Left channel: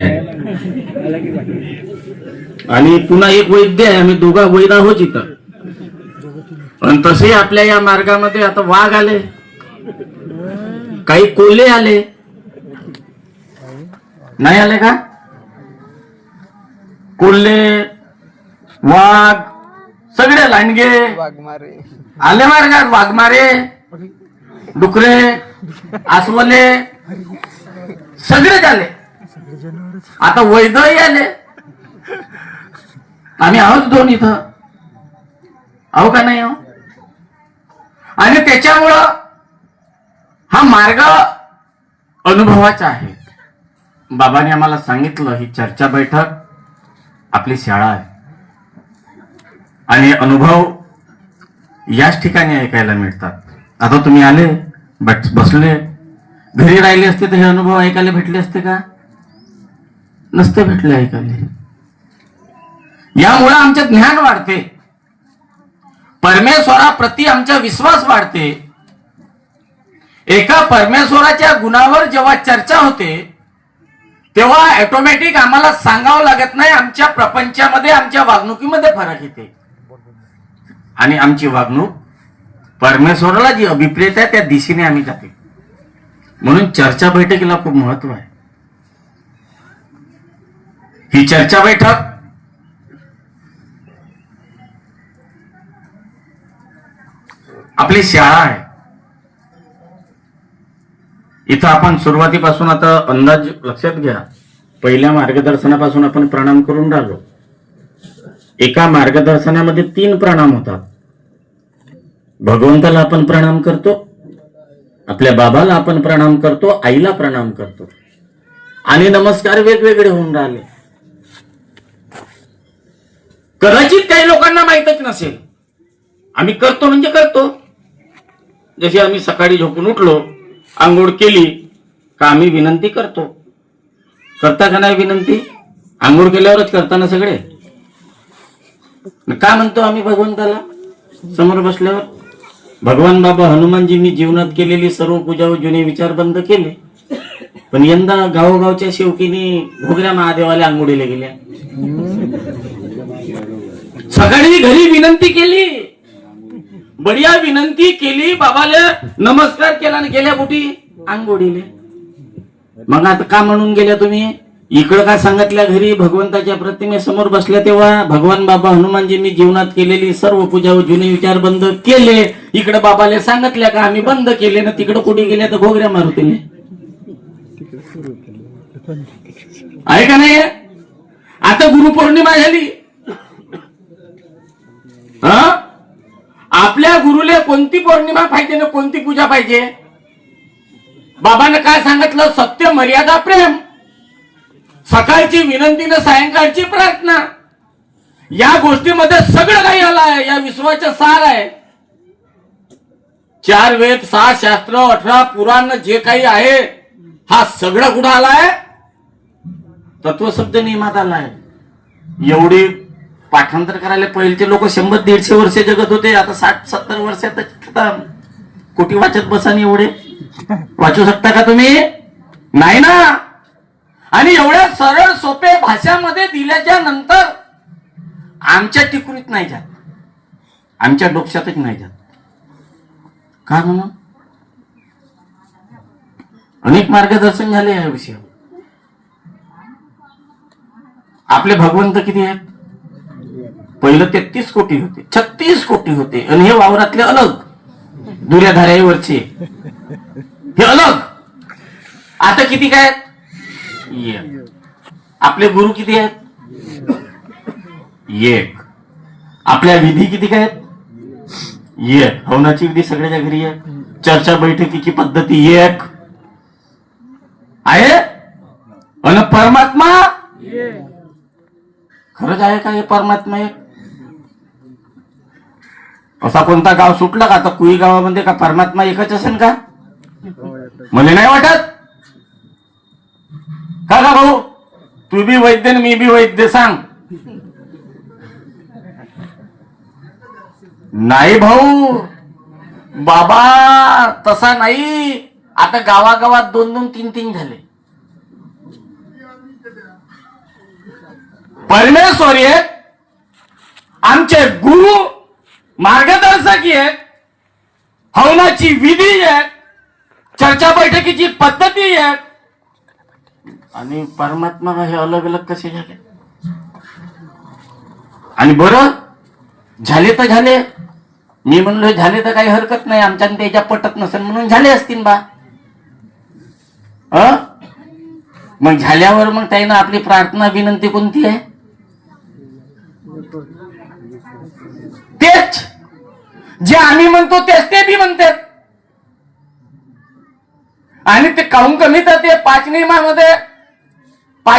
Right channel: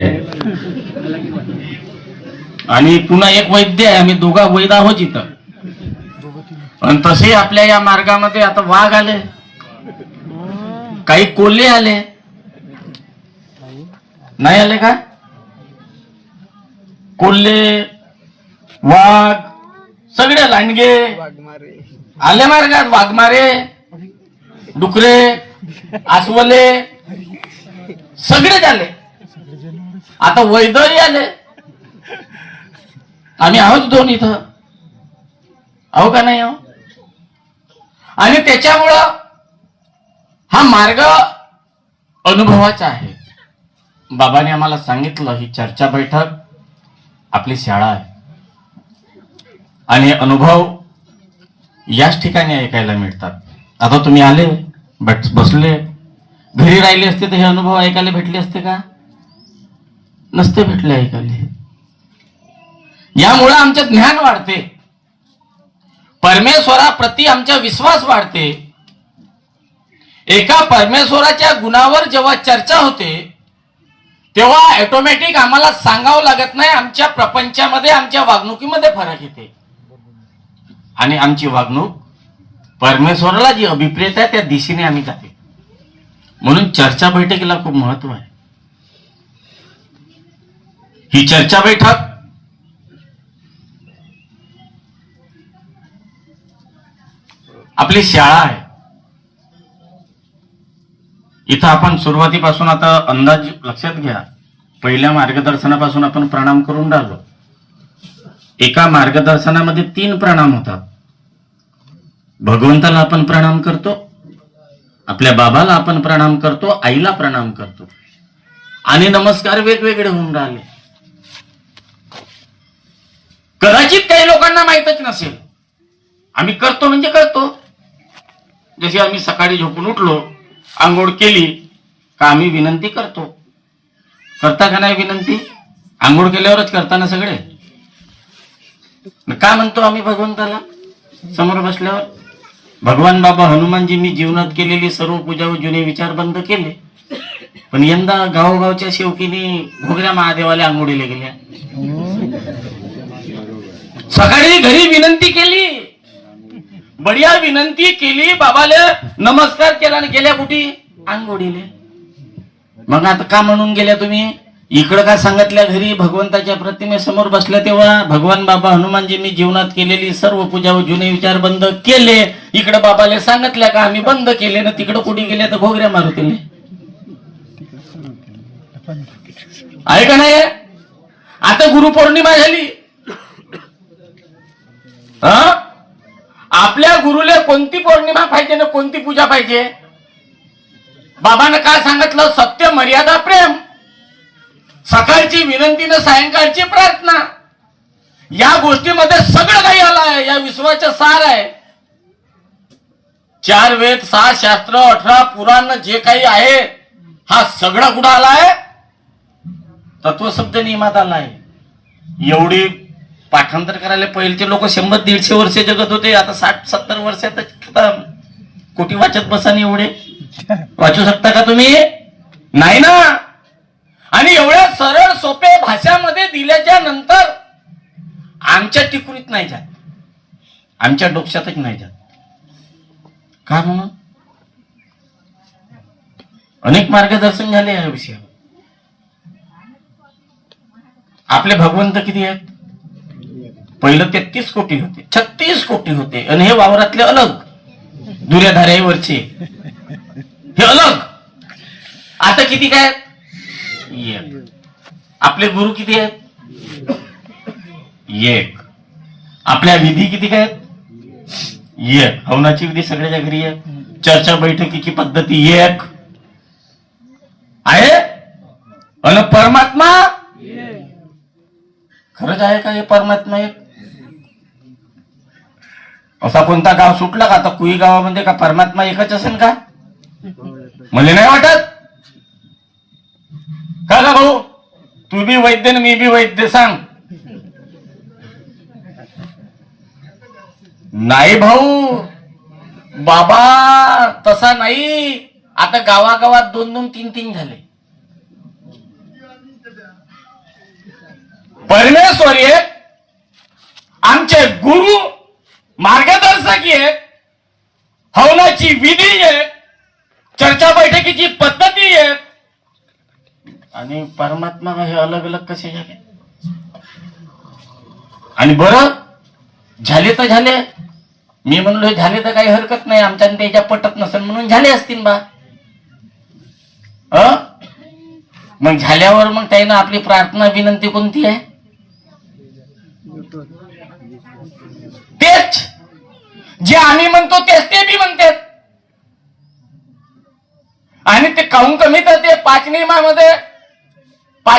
आणि पुन्हा एक वैद्य आहे, आम्ही दोघा वैद्य आहोत इथं. पण तसे आपल्या या मार्गामध्ये आता वाघ आले, काही कोल्हे आले, नाही आले का? कोल्हे, वाघ, सगळे लांडगे आले मार्गात. वाघमारे, डुकरे, आसवले सगळेच आले. आता वैद्यही आले. आम्ही आहोत दोन इथं, आहो का नाही? आणि त्याच्यामुळं हा मार्ग अनुभवाचा आहे. बाबाने आम्हाला सांगितलं, ही चर्चा बैठक आपली शाळा आहे आणि अनुभव याच ठिकाणी ऐकायला मिळतात. आता तुम्ही आले, बसले, घरी राहिले असते तर हे अनुभव ऐकायला भेटले असते का? नसते भेटले ऐकायला. यामुळे आमचं ज्ञान वाढते, परमेश्वराप्रती आमचा विश्वास वाढते. एका परमेश्वराच्या गुणावर जेव्हा चर्चा होते तेव्हा ऑटोमॅटिक आम्हाला सांगावं लागत नाही, आमच्या प्रपंचामध्ये, आमच्या वागणुकीमध्ये फरक येते. आणि आमची वागणूक परमेश्वराला जी अभिप्रेत आहे त्या दिशेने आम्ही जाते. म्हणून चर्चा बैठकीला खूप महत्व आहे. ही चर्चा बैठक आपली शाळा आहे. इथं आपण सुरुवातीपासून आता अंदाज लक्षात घ्या. पहिल्या मार्गदर्शनापासून आपण प्रणाम करून राहिलो. एका मार्गदर्शनामध्ये 3 प्रणाम होतात. भगवंताला आपण प्रणाम करतो, आपल्या बाबाला आपण प्रणाम करतो, आईला प्रणाम करतो. आणि नमस्कार वेगवेगळे होऊन राहिले. कदाचित काही लोकांना माहीतच नसेल. आम्ही करतो म्हणजे करतो. जशी आम्ही सकाळी झोपून उठलो, आंघोळ केली का आम्ही विनंती करतो. करता का नाही विनंती? आंघोळ केल्यावरच करताना सगळे. काय म्हणतो आम्ही भगवंताला समोर बसल्यावर? भगवान बाबा हनुमानजींनी जीवनात केलेली सर्व पूजा व जुने विचार बंद केले, पण यंदा गावोगावच्या शेवकीने घोगऱ्या महादेवाला आंघोळीला गेल्या. सकाळी घरी विनंती केली, बढिया विनंती केली, बाबाला नमस्कार केला आणि गेल्या कुठे? आंघोळीले. मग आता का म्हणून गेल्या तुम्ही? इकडं काय सांगितल्या? घरी भगवंताच्या प्रतिमेसमोर बसल्या तेव्हा भगवान बाबा हनुमानजींनी जीवनात केलेली सर्व पूजा व जुने विचार बंद केले. इकडे बाबाला सांगितल्या का आम्ही बंद केले ना? तिकडे कुठे गेल्या तर घोगऱ्या मारुतीले. आहे का नाही? आता गुरुपौर्णिमा झाली. आपल्या गुरुले कोणती पौर्णिमा पाहिजे ना कोणती पूजा पाहिजे? बाबानं काय सांगितलं? सत्य, मर्यादा, प्रेम. सकाळची विनंती ना सायंकाळची प्रार्थना. या गोष्टीमध्ये सगळं काही आलंय. या विश्वाचं सार आहे. 4 वेद, 6 शास्त्र, 18 पुराण जे काही आहे, हा सगळा कुठं आलाय? तत्वशब्द नियमात आलाय. एवढी पाठांतर करायला पहिलेचे लोक 100-150 वर्ष जगत होते. आता 60-70 वर्षात कोटी वाचत बसाने. एवढे वाचू शकता का तुम्ही? नाही ना. आणि एवढ्या सरळ सोपे भाषामध्ये दिल्याच्या नंतर आमच्या टिकुरीत नाही जात, आमच्या डोक्यातच नाही जात. का म्हणून? अनेक मार्गदर्शन झाले या विषयावर. आपले भगवंत किती आहेत? पहिलं 33 कोटी होते, 36 कोटी होते. आणि हे वावरातले अलग, दुर्याधाऱ्यावरचे हे अलग. आता किती काय? आपले गुरु किती आहेत? 1. आपल्या विधी किती काय? 1. हवनाची विधी सगळ्याच्या घरी आहे. चर्चा बैठकीची पद्धती 1 आहे. आणि परमात्मा खरंच आहे का? हे परमात्मा एक असा कोणता गाव सुटला का? आता कुई गावामध्ये का परमात्मा एकच असेल का? मला नाही वाटत. का भाऊ? तू बी वैद्य मी बी वैद्य, सांग. नाही भाऊ, बाबा तसा नाही. आता गावागावात 2-2, 3-3 झाले. परमेश्वर एक, आमचे गुरु मार्गदर्शक एक, हवनाची विधी एक, चर्चा बैठकीची पद्धती एक, आणि परमात्मा हे अलग अलग कसे झाले? आणि बरं झाले तर झाले, मी म्हणलो हे झाले तर काही हरकत नाही, आमच्या त्याच्या पटत नसेल म्हणून झाले असतील बा. मग झाल्यावर मग त्यानं आपली प्रार्थना विनंती कोणती आहे? तेच जे आम्ही म्हणतो तेच ते बी म्हणतात. आणि ते काहून कमी तर ते पाच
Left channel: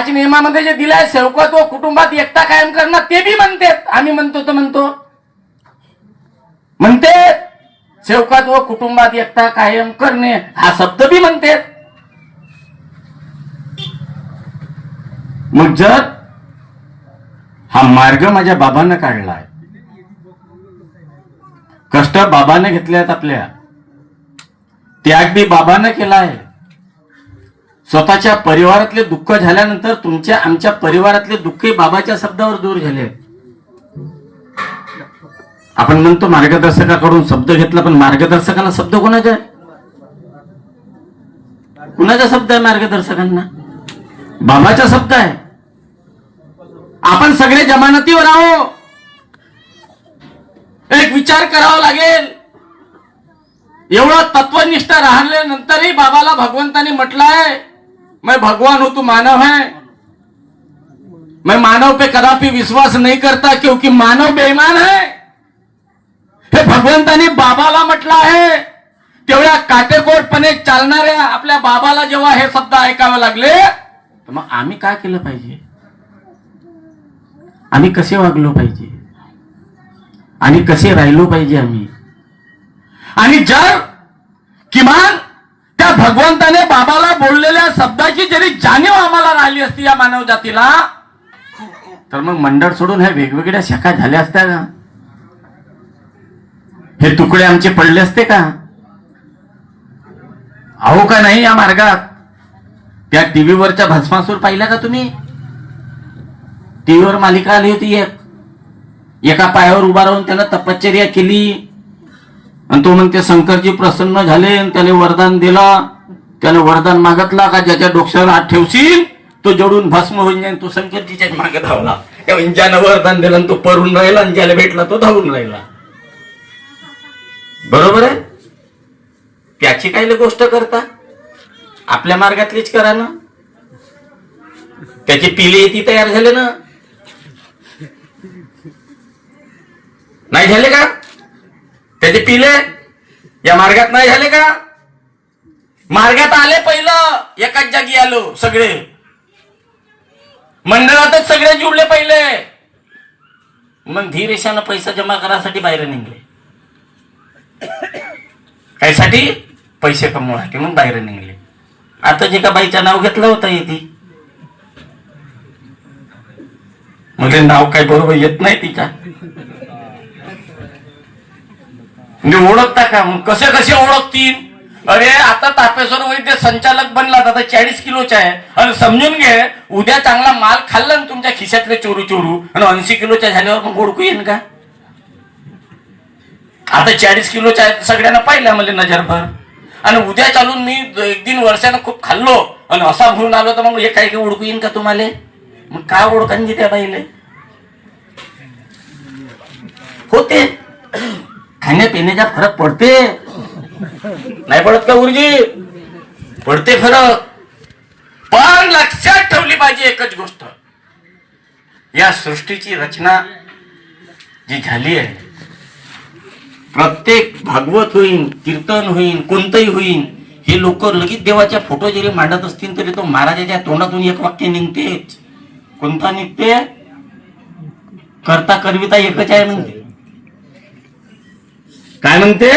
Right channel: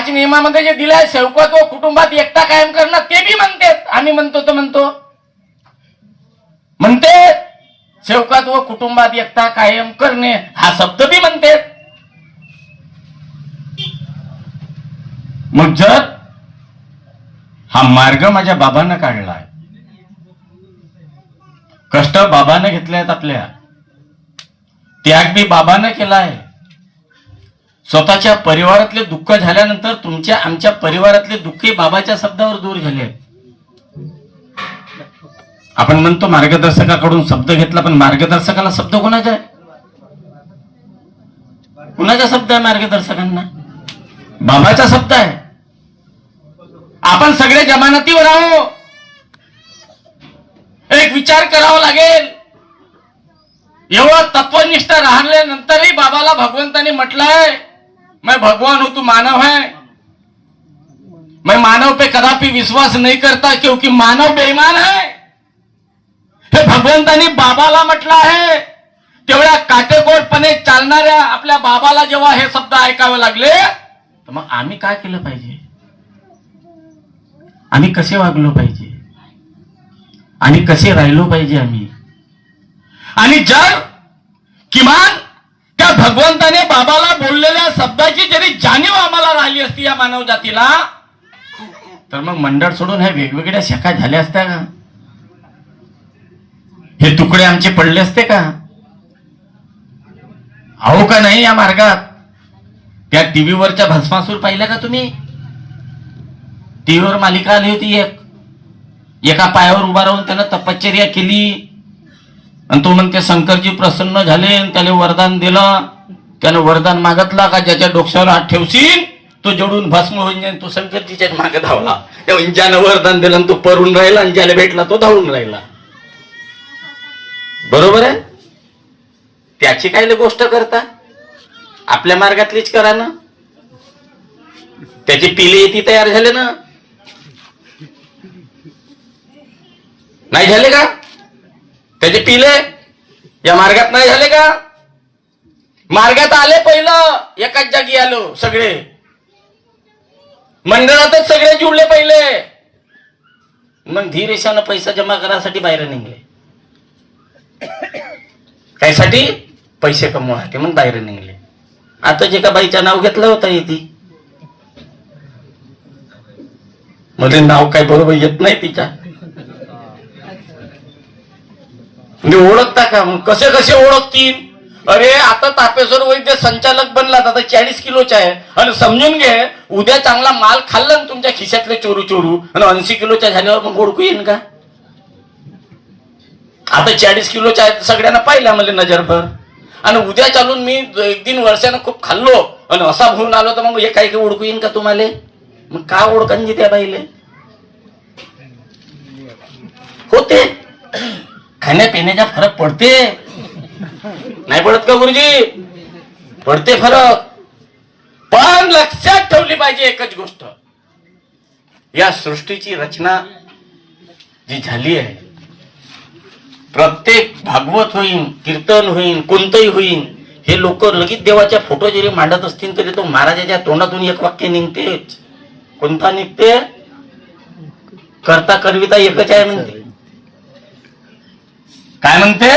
नियमामध्ये जे दिलाय सेवकात व कुटुंबात एकता कायम करणं ते बी म्हणतात. आम्ही म्हणतो तर म्हणते सेवकात व कुटुंबात एकता कायम करणे हा शब्द बी म्हणते. मग जर हा मार्ग माझ्या बाबांना काढलाय, कष्ट बाबाने घेतले आहेत, आपल्या त्याग बी बाबानं केलाय, स्वतःच्या परिवारातले दुःख झाल्यानंतर तुमच्या आमच्या परिवारातले दुःखही बाबाच्या शब्दावर दूर झाले. आपण म्हणतो मार्गदर्शकाकडून शब्द घेतला, पण मार्गदर्शकाला शब्द कोणाचा आहे? कुणाचा शब्द आहे मार्गदर्शकांना? बाबाचा शब्द आहे. आपण सगळे जमानतीवर आहो. एक विचार करावा लागेल. एवढं तत्वनिष्ठ राहिल्यानंतरही बाबाला भगवंताने म्हटलंय, मैं भगवान हूं तू मानव है, मैं मानव पे कदापि विश्वास नहीं करता क्योंकि मानव बेईमान है. हे भगवंतानी बाबाला म्हटलं आहे. तेवढ्या काटेकोरपणे चालणाऱ्या आपल्या बाबाला जेव्हा हे शब्द ऐकावे लागले, तर मग आम्ही काय केलं पाहिजे? आम्ही कसे वागलो पाहिजे आणि कसे राहिलो पाहिजे आम्ही? आणि जर किमान त्या भगवंताने बाबाला बोललेल्या शब्दाची जरी जाणीव आम्हाला राहिली असती या मानव जातीला, तर मग मंडळ सोडून ह्या वेगवेगळ्या शाखा झाल्या असत्या का? हे तुकडे आमचे पडले असते का? आहो का नाही या मार्गात? त्या टीव्हीवरच्या भस्मासूर पाहिल्या का तुम्ही? टीव्हीवर मालिका आली होती एका पायावर उभा राहून त्यानं तपश्चर्या केली आणि तो म्हणते शंकरजी प्रसन्न झाले आणि त्याला वरदान दिला. त्याने वरदान मागितला का ज्याच्या डोक्यावर हात ठेवशील तो जडून भस्म होऊन जाईल. तो शंकरजीच्या मागे धावला. ज्यानं वरदान दिलं तो परून राहिला आणि ज्याला भेटला तो धावून राहिला. बरोबर आहे? त्याची काय गोष्ट करता? आपल्या मार्गातलीच करा ना. त्याची पिले ती तयार झाले ना, नाही झाले का? त्याचे पिले या मार्गात नाही झाले का? मार्गात आले पहिलं, एकाच जागी आलो सगळे, मंडळातच सगळे जुळले पहिले. मग धीरेशानं पैसा जमा करासाठी बाहेर निघले. कायसाठी? पैसे कमवण्यासाठी. मग बाहेर निघले. आता जे का बाईचं नाव घेतलं होतं येते, मग ते नाव काय बरोबर येत नाही तिच्या. म्हणजे ओळखता का? मग कसे कसे ओळखतील? अरे आता तापेश्वर वैद्य संचालक बनला, आता 40 किलोचा आहे आणि समजून घे उद्या चांगला माल खाल्ला ना तुमच्या खिशातले चोरू आणि 80 किलोच्या झाल्यावर मग ओळखू येईन का? आता 40 किलोच्या आहे सगळ्यांना पाहिलं मला नजरभर, आणि उद्या चालून मी 1-3 वर्षानं खूप खाल्लो आणि असा म्हणून आलो तर मग हे काही ओळखू येईन का तुम्हाला? मग काय ओळखांची त्या बाईले होते. खाण्यापिण्याचा फरक पडते नाही पडत का गुरुजी? पडते फरक. पण लक्षात ठेवली पाहिजे एकच गोष्ट, या सृष्टीची रचना जी झाली आहे, प्रत्येक भागवत होईन, कीर्तन होईन, कोणतंही होईन, हे लोक लगेच देवाच्या फोटो जरी मांडत असतील तरी तो महाराजाच्या तोंडातून एक वाक्य निघतेच. कोणता निघते? करता करविता एकच आहे म्हणते. काय म्हणते?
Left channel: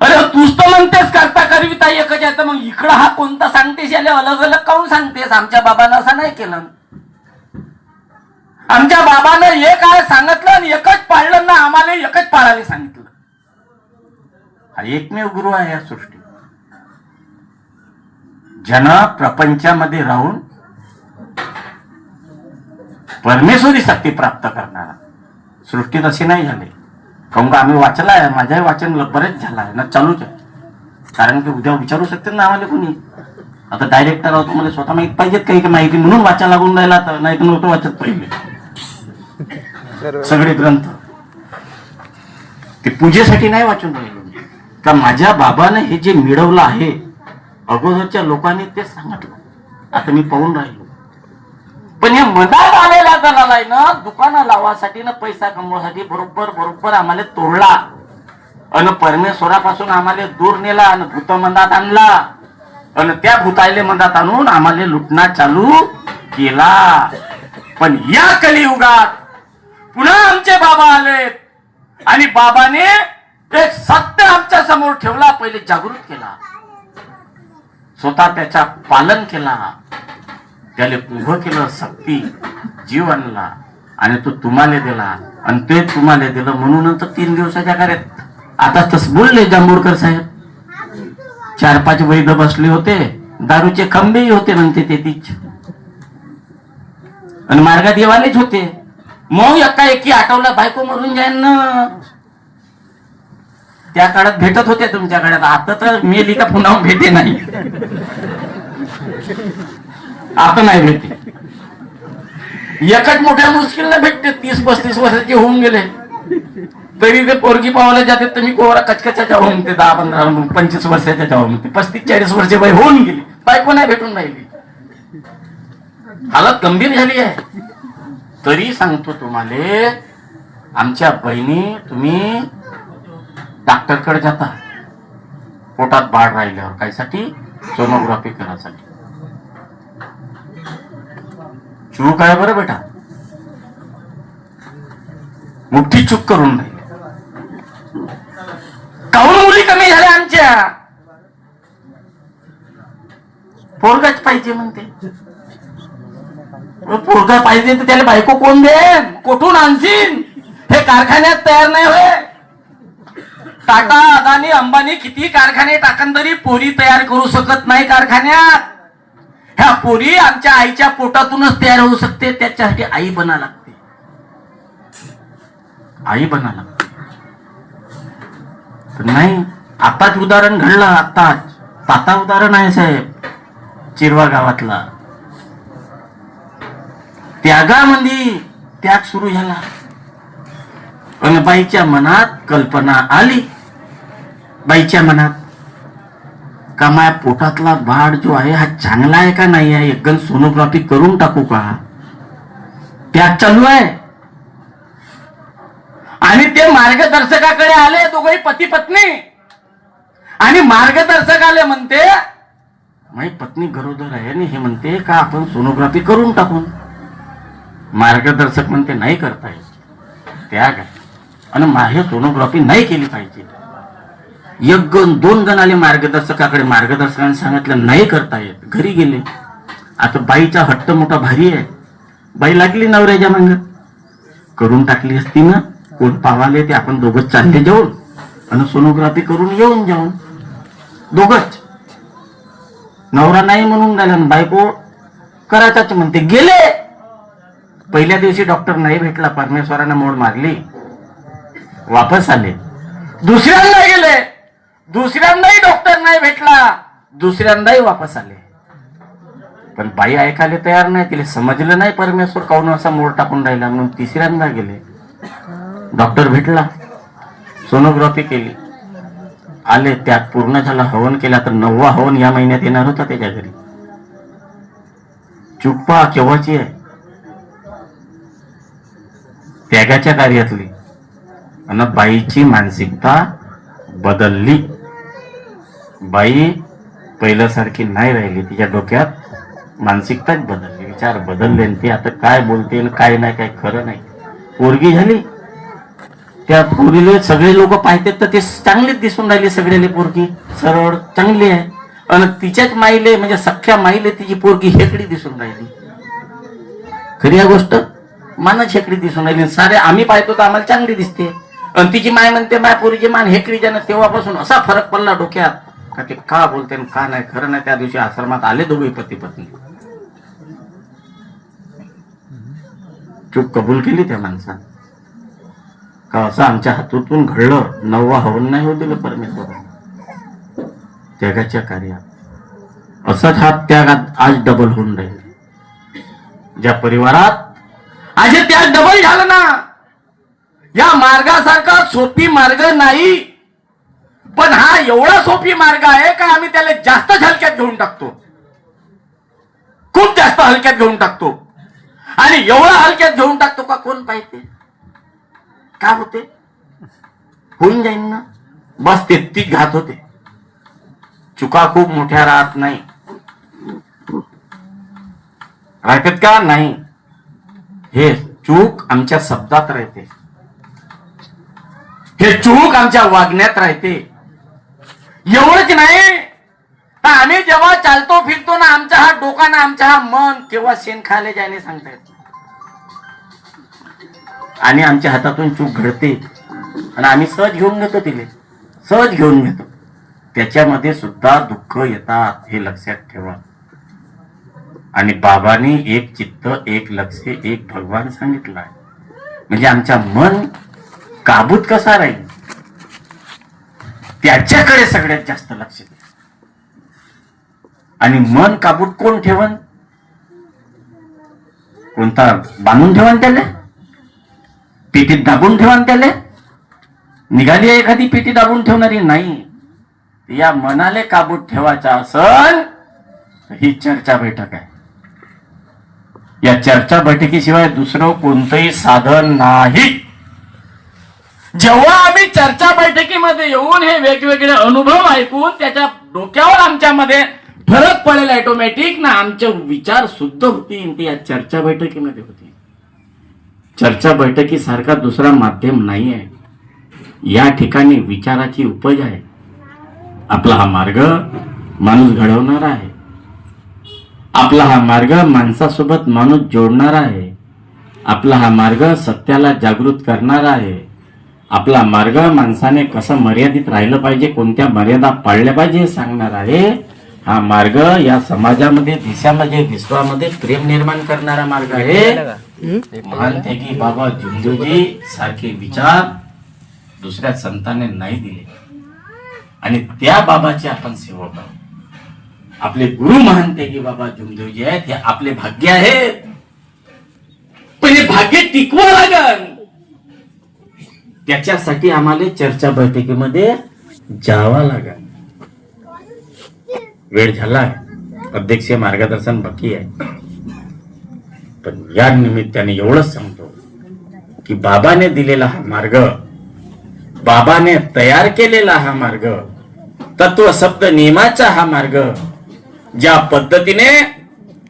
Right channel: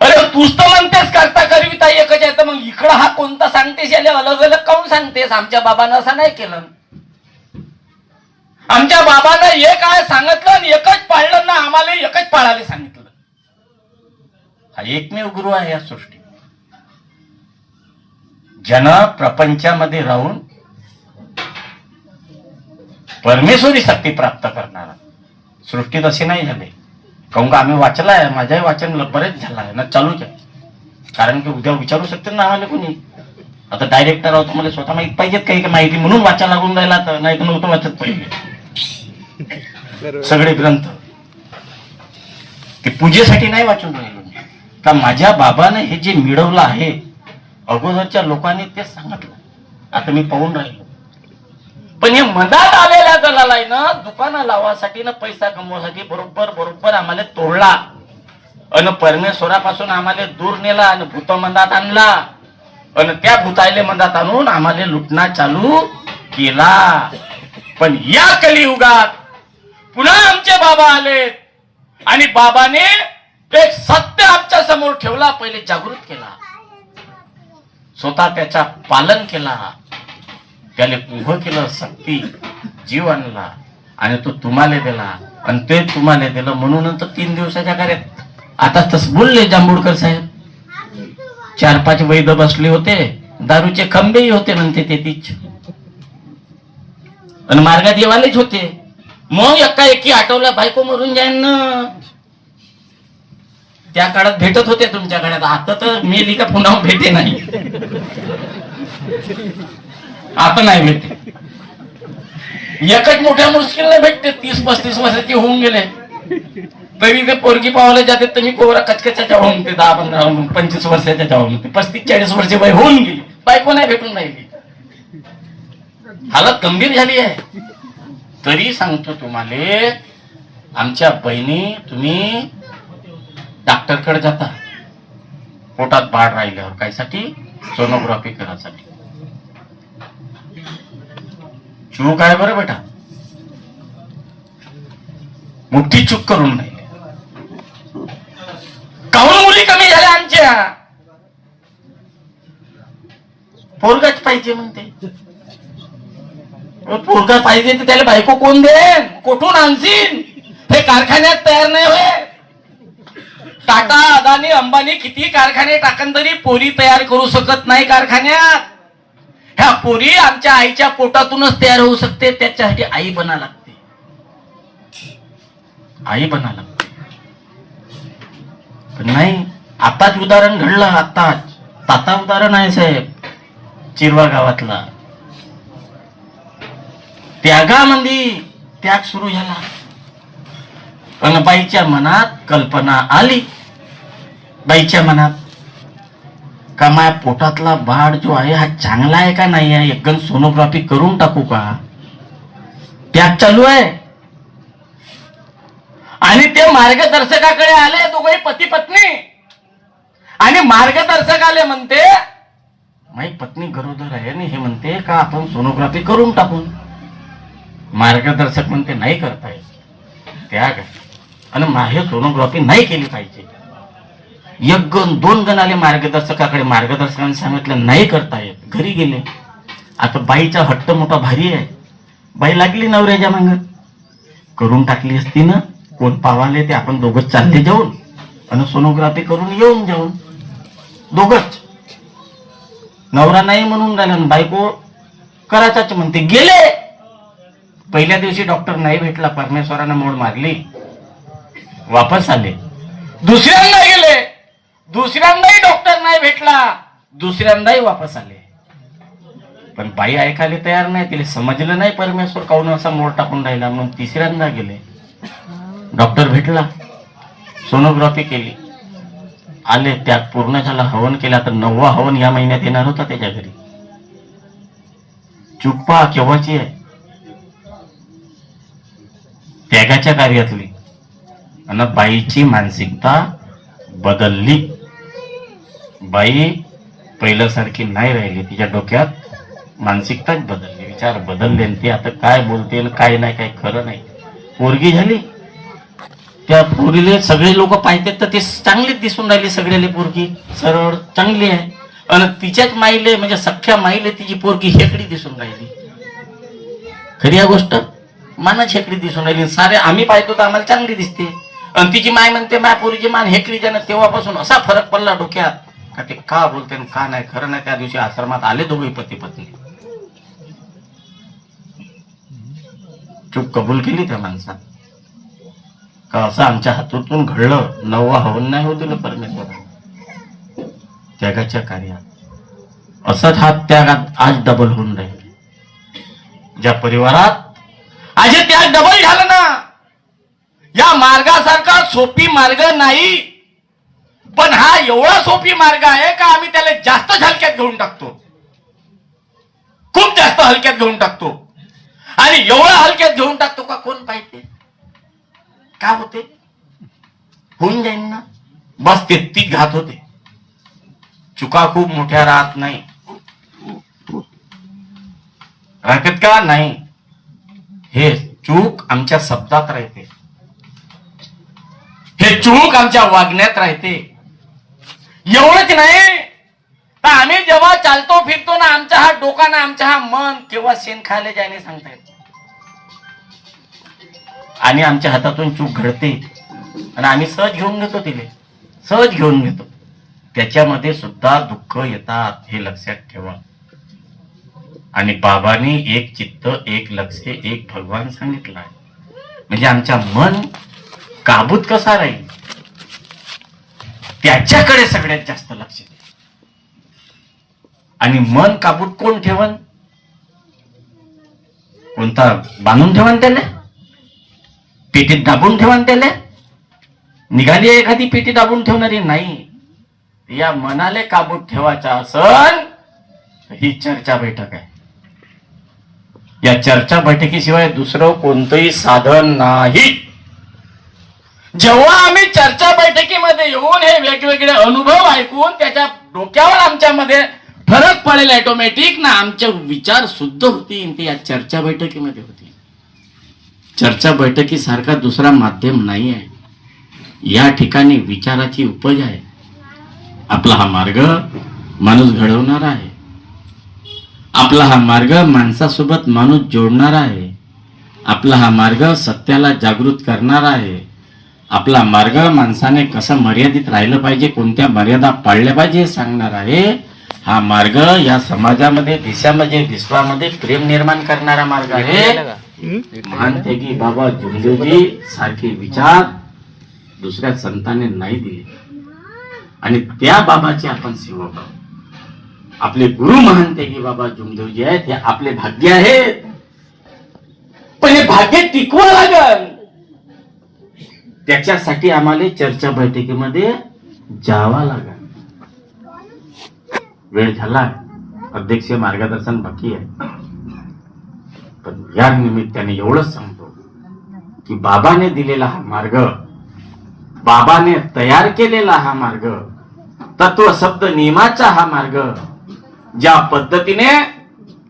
अरे तूच तर म्हणतेस करता करविता एकच आहे, तर मग इकडं हा कोणता सांगतेस? याला अलग अलग काऊन सांगतेस? आमच्या बाबानं असं नाही केलं. आमच्या बाबानं एक आहे सांगितलं आणि एकच पाळलं ना, आम्हाला एकच पाळायला सांगितलं. हा एकमेव गुरु आहे या सृष्टी, ज्यानं प्रपंचामध्ये राहून परमेश्वरी शक्ती प्राप्त करणारा. सृष्टीत असे नाही झाले. काहून का आम्ही वाचला आहे, माझ्याही वाचन बरेच झालं आहे ना, चालूच आहे. कारण की उद्या विचारू शकते ना आम्हाला कोणी. आता डायरेक्टर आहोत, मला स्वतः माहित पाहिजेत काही माहिती, म्हणून वाचा लागून राहिला. तर नाही तर नव्हतं वाचत पहिले सगळे ग्रंथ. ते पूजेसाठी नाही वाचून राहिलो का माझ्या बाबाने हे जे मिळवलं आहे, अगोदरच्या लोकांनी ते सांगितलं. आता मी पाहून राहिलो. पण हे मनात आलेल्या जणाला आहे ना, दुकानं लावासाठी ना पैसा कमवासाठी बरोबर आम्हाला तोडला आणि परमेश्वरापासून आम्हाला दूर नेला आणि भूतमंदात आणला आणि त्या भूतायले मंदात आणून आम्हाला लुटणा चालू केला. पण या कलियुगात पुन्हा आमचे बाबा आलेत आणि बाबाने एक सत्य आमच्या समोर ठेवला. पहिले जागृत केला, स्वतः त्याचा पालन केला, त्याला उभं केलं, शक्ती जीव आणला आणि तो तुम्हाला दिला आणि ते तुम्हाला दिलं म्हणून 3 दिवसाच्या कार्यात. आता तस बोलले जांभूळकर साहेब, 4-5 वैद्य बसले होते, दारूचे खंबेही होते म्हणते ते तीच, आणि मार्गात येवालेच होते. मग एकाएकी आठवला बायको मरून जाईन ना. त्या काळात भेटत होते तुमच्या काळात, आता तर मेली का पुन्हा भेटे नाही. आता नाही भेटे. एकच मोठ्या मुश्किलने भेटते. 30-35 वर्षाचे होऊन गेले तरी ते पोरगी पावायला जाते. तर मी कोरा कचकचाच्या होऊन ते 10-15-25 वर्षाच्या होऊन ते 35-40 वर्षे वय होऊन गेली, बायको नाही भेटून राहिली. हालत गंभीर झाली आहे. तरी सांगतो तुम्हाला, आमच्या बहिणी, तुम्ही डॉक्टरकडे जाता पोटात बाळ राहिल्यावर, कायसाठी? सोनोग्राफी करायसाठी. चूक काय बरं बेटा, मोठी चूक करून राहिली. काहून मुली कमी झाल्या आमच्या? पोरगाच पाहिजे म्हणते. पोरगा पाहिजे तर त्याला बायको कोण देन? कुठून आणशील? हे कारखान्यात तयार नाही होय. टाटा, अदानी, अंबानी किती कारखाने टाकन तरी पोरी तयार करू शकत नाही कारखान्यात. ह्या पोरी आमच्या आईच्या पोटातूनच तयार होऊ शकते. त्याच्यासाठी आई बना लागते, आई बना लागते. नाही, आताच उदाहरण घडलं, आताच ताता उदाहरण आहे साहेब, चिरवा गावातला. त्यागामध्ये त्याग सुरू झाला आणि बाईच्या मनात कल्पना आली. बाईच्या मनात का माझ्या पोटातला बाळ जो आहे हा चांगला आहे का नाही आहे, एकदम सोनोग्राफी करून टाकू का? त्याग चालू आहे. आणि ते मार्गदर्शकाकडे आले दोघही पती पत्नी, आणि मार्गदर्शक आले म्हणते माझी पत्नी गरोदर आहे आणि हे म्हणते का आपण सोनोग्राफी करून टाकून. मार्गदर्शक म्हणते नाही करता येत, त्याग आहे आणि माझे सोनोग्राफी नाही केली पाहिजे. 1-2 जण आले मार्गदर्शकाकडे, मार्गदर्शकाने सांगितलं नाही करता येत, घरी गेले. आता बाईचा हट्ट मोठा भारी आहे. बाई लागली नवऱ्याच्या मांग, करून टाकली असती ना. कोण पावाले ते आपण दोघच चालले जाऊन आणि सोनोग्राफी करून येऊन जाऊन दोघच. नवरा नाही म्हणून राहिला, बायको करायचाच म्हणते. गेले. पहिल्या दिवशी डॉक्टर नाही भेटला, परमेश्वराने मोड मारली, वापस आले. दुसऱ्यांदा गेले, दुसऱ्यांदाही डॉक्टर नाही भेटला, दुसऱ्यांदाही वापस आले. पण बाई ऐकायला तयार नाही, तिला समजलं नाही परमेश्वर काऊन असा मोड टाकून राहिला. म्हणून तिसऱ्यांदा गेले, डॉक्टर भेटला, सोनोग्राफी केली, आले. त्यात पूर्ण झाला, हवन केला. तर 9वा हवन या महिन्यात येणार होता त्याच्या घरी. चुप्पा केव्हाची आहे, त्यागाच्या कार्यातली. आणि बाईची मानसिकता बदलली. बाई पहिल्यासारखी नाही राहिली, तिच्या डोक्यात मानसिकताच बदलली, विचार बदलले. ती आता काय बोलते काय नाही, काय खरं नाही. पोरगी झाली, त्या पोरीले सगळे लोक पाहतात तर ते चांगलीच दिसून राहिली. सगळ्याले पोरगी सरळ चांगली आहे. आणि तिच्याच माईले म्हणजे सख्या माईले तिची पोरगी हेकडी दिसून राहिली. खरी या गोष्ट, मानच हेकडी दिसून राहिली. सारे आम्ही पाहतो तर आम्हाला चांगली दिसते, आणि तिची माय म्हणते माय पोरीची मान हेकडी ज्यानं. तेव्हापासून असा फरक पडला डोक्यात का ते का बोलते का नाही खरं नाही. त्या दिवशी आश्रमात आले दोघे पती पत्नी. चूक कबूल केली त्या माणसानं का असं आमच्या हातून घडलं, 9वा हवन नाही होऊ दिलं परमेश्वर त्यागाच्या कार्यात. असाच हा त्यागात आज डबल होऊन राहील. ज्या परिवारात आज हे त्याग डबल झालं ना, या मार्गासारखा सोपी मार्ग नाही, पण हा एवढा सोपी मार्ग आहे का आम्ही त्याला जास्त हलक्यात घेऊन टाकतो, खूप जास्त हलक्यात घेऊन टाकतो. आणि एवढा हलक्यात घेऊन टाकतो का कोण पाहिजे, काय होते, होऊन जाईल ना, बस ते घात होते. चुका खूप मोठ्या राहत नाही, राहतात का नाही, हे चूक आमच्या शब्दात राहते, हे चूक आमच्या वागण्यात राहते. एवढंच नाही तर आम्ही जेव्हा चालतो फिरतो ना, आमचा हा डोका ना, आमचा हा मन केव्हा शेण खायला जायने सांगता येत. आणि आमच्या हातातून चूक घडते आणि आम्ही सहज घेऊन घेतो, तिले सहज घेऊन घेतो. त्याच्यामध्ये सुद्धा दुःख येतात, हे लक्षात ठेवा. आणि बाबांनी एक चित्त, एक लक्ष, एक भगवान सांगितलं आहे. म्हणजे आमच्या मन काबूत कसा राहील त्याच्याकडे सगळ्यात जास्त लक्ष द्या. आणि मन काबूत कोण ठेवन, कोणता बांधून ठेवन, त्याला पेटीत दाबून ठेवन, त्याला निघाली एखादी पेटी दाबून ठेवणारी नाही. या मनाले काबूत ठेवायचा असन ही चर्चा बैठक आहे. या चर्चा बैठकीशिवाय दुसरं कोणतंही साधन नाही. जेव्हा आम्ही चर्चा बैठकीमध्ये येऊन हे वेगवेगळे अनुभव ऐकून त्याच्या डोक्यावर आमच्यामध्ये फरक पडेल ऑटोमॅटिक ना, आमचे विचार शुद्ध होतील, ते या चर्चा बैठकीमध्ये होतील. चर्चा बैठकीसारखा दुसरा माध्यम नाही आहे. या ठिकाणी विचाराची उपज आहे. आपला हा मार्ग माणूस घडवणारा आहे. आपला हा मार्ग माणसासोबत माणूस जोडणारा आहे. आपला हा मार्ग सत्याला जागृत करणारा आहे. आपला मार्ग माणसाने कसं मर्यादित राहिलं पाहिजे, कोणत्या मर्यादा पाळल्या पाहिजे हे सांगणार आहे. हा मार्ग या समाजामध्ये, देशामध्ये, विश्वामध्ये प्रेम निर्माण करणारा मार्ग आहे. महान त्यागी बाबा जुमदेवजी सारखे विचार दुसऱ्या संतांनी नाही दिले आणि त्या बाबाचे आपण सेवक आहोत. आपले गुरु महान त्यागी बाबा जुमदेवजी आहेत, हे आपले भाग्य आहेत. पण हे भाग्य टिकवून लागल त्याच्यासाठी आम्हाला चर्चा बैठकीमध्ये जावा लागेल. वेळ झाला, अध्यक्षीय मार्गदर्शन बाकी आहे. पण या निमित्ताने एवढंच सांगतो की बाबाने दिलेला हा मार्ग, बाबाने तयार केलेला हा मार्ग, तत्व शब्द नियमाचा हा मार्ग, ज्या पद्धतीने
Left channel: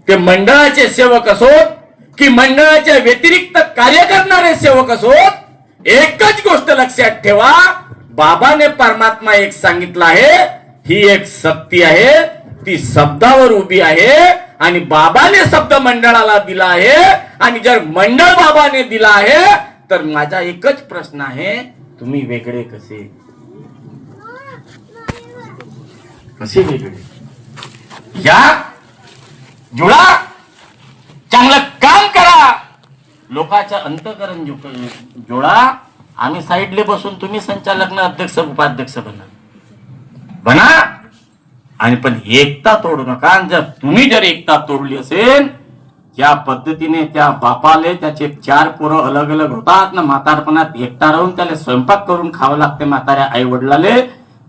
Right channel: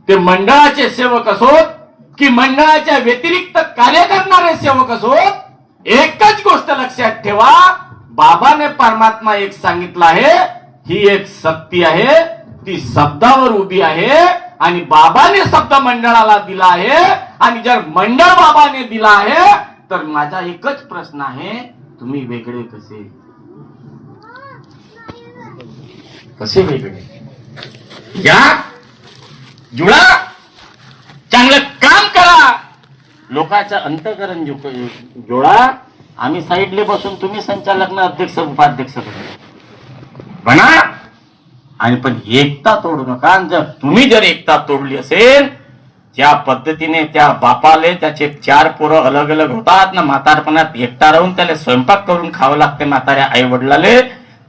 ते मंडळाचे सेवक असोत की मंडळाच्या व्यतिरिक्त कार्य करणारे सेवक असोत, एकच गोष्ट लक्षात ठेवा, बाबाने परमात्मा एक सांगितला आहे, ही एक शक्ती आहे, ती शब्दावर उभी आहे. आणि बाबाने शब्द मंडळाला दिला आहे. आणि जर मंडळ बाबाने दिला आहे तर माझा एकच प्रश्न आहे, तुम्ही वेगळे कसे, कसे वेगळे, या जुळा, चांगलं काम करा, लोकांचं अंतकरण जोडा. आम्ही साईडले बसून तुम्ही संचालक अध्यक्ष उपाध्यक्ष बना. आणि पण एकता तोडू नका. जर तुम्ही जर एकता तोडली असेल, त्या पद्धतीने त्या बापाले त्याचे 4 पोरं अलग अलग होतात ना, म्हातारपणात एकटा राहून त्याला स्वयंपाक करून खावं लागते म्हाताऱ्या आई वडिलाले.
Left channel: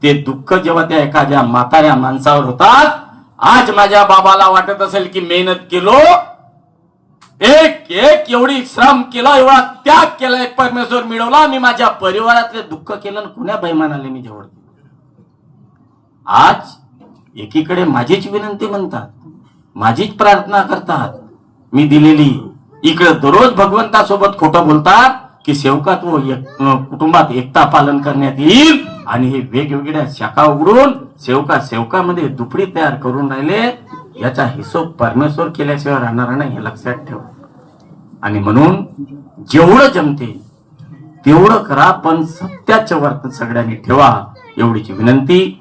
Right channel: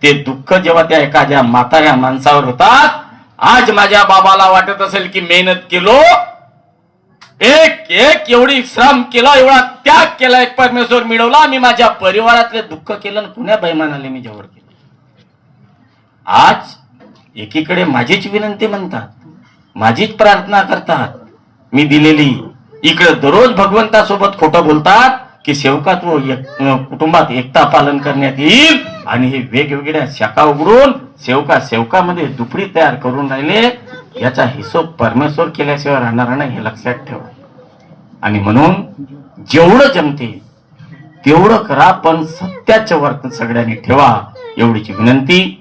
ते दुःख जेव्हा त्या एखाद्या म्हाताऱ्या माणसावर होतात, आज माझ्या बाबाला वाटत असेल की मेहनत केलो, एक एवढी श्रम केला, एवढा त्याग केला, एक परमेश्वर मिळवला, मी माझ्या परिवारातले दुःख केलं, पुण्या बैमानाले मी जवळ केलं. आज एकीकडे माझीच विनंती म्हणतात, माझीच प्रार्थना करतात मी दिलेली, इकडे दररोज भगवंतासोबत खोटं बोलतात की सेवकात्व कुटुंबात एकता पालन करण्यात येईल. आणि हे वेगवेगळ्या शाखा उघडून सेवकामध्ये दुपडी तयार करून राहिले. याचा हिशोब परमेश्वर केल्याशिवाय राहणार नाही, हे लक्षात ठेवा. आणि म्हणून जेवढं जमते तेवढं करा, पण सत्याचं वर्तन सगळ्यांनी ठेवा, एवढीची विनंती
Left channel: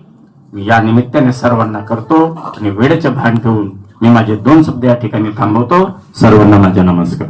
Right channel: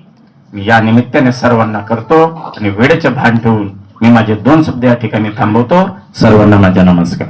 मी या निमित्ताने सर्वांना करतो. आणि वेळेचे भान ठेवून मी माझे 2 शब्द या ठिकाणी थांबवतो. सर्वांना माझा नमस्कार.